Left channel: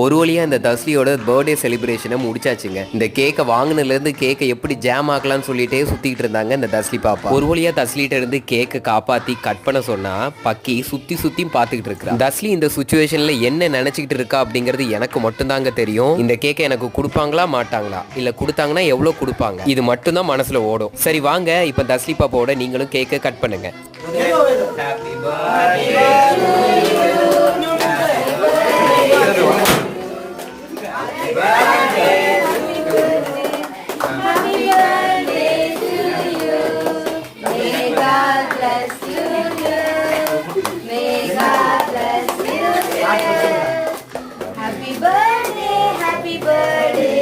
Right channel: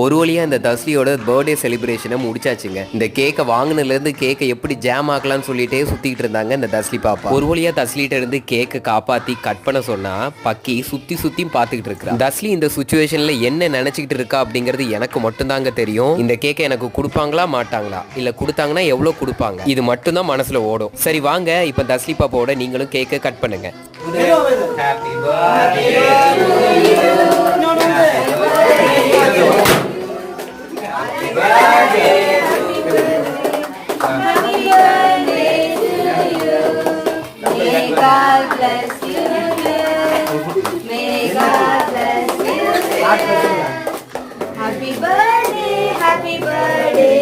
ஒரு வழியா இந்த தஸ்லியோட பர்த்டே செலிப்ரேஷனை முடிச்சாச்சுங்க. இந்த கேக்கை வாங்கினதுல இருந்து கேக்கை எப்படி ஜாம் ஆக்கலாம்னு சொல்லிட்டே சுத்திட்டு இருந்தாங்க இந்த தஸ்லி பாப்பா. ஒரு வழியா தஸ்லிட்ட இருந்து கேக்கை காப்பாத்தி கட் பண்ண சொன்னா பக்கி சுத்தி சுத்தி பாத்துக்கிட்டு இருக்கா. தஸ்லி இந்த சுச்சுவேஷன்ல என்ன நினைச்சுக்கிட்டு இருக்கா அப்படிங்கிறது எனக்கு மட்டும்தாங்க தெரியும். இந்த கேக்கை எனக்கு கொடுப்பாங்களா மாட்டாங்களா, இல்ல கொடுத்தாங்கன்னா எவ்வளவு கொடுப்பாங்க, இது மட்டும்தான் மனசுல ஓடும். சரி வாங்க இப்ப தஸ்லி பாப்பாவோட நீங்களும் கேக்கை கட் பண்ணுங்க. Happy birthday to you. Happy birthday, happy birthday, happy birthday.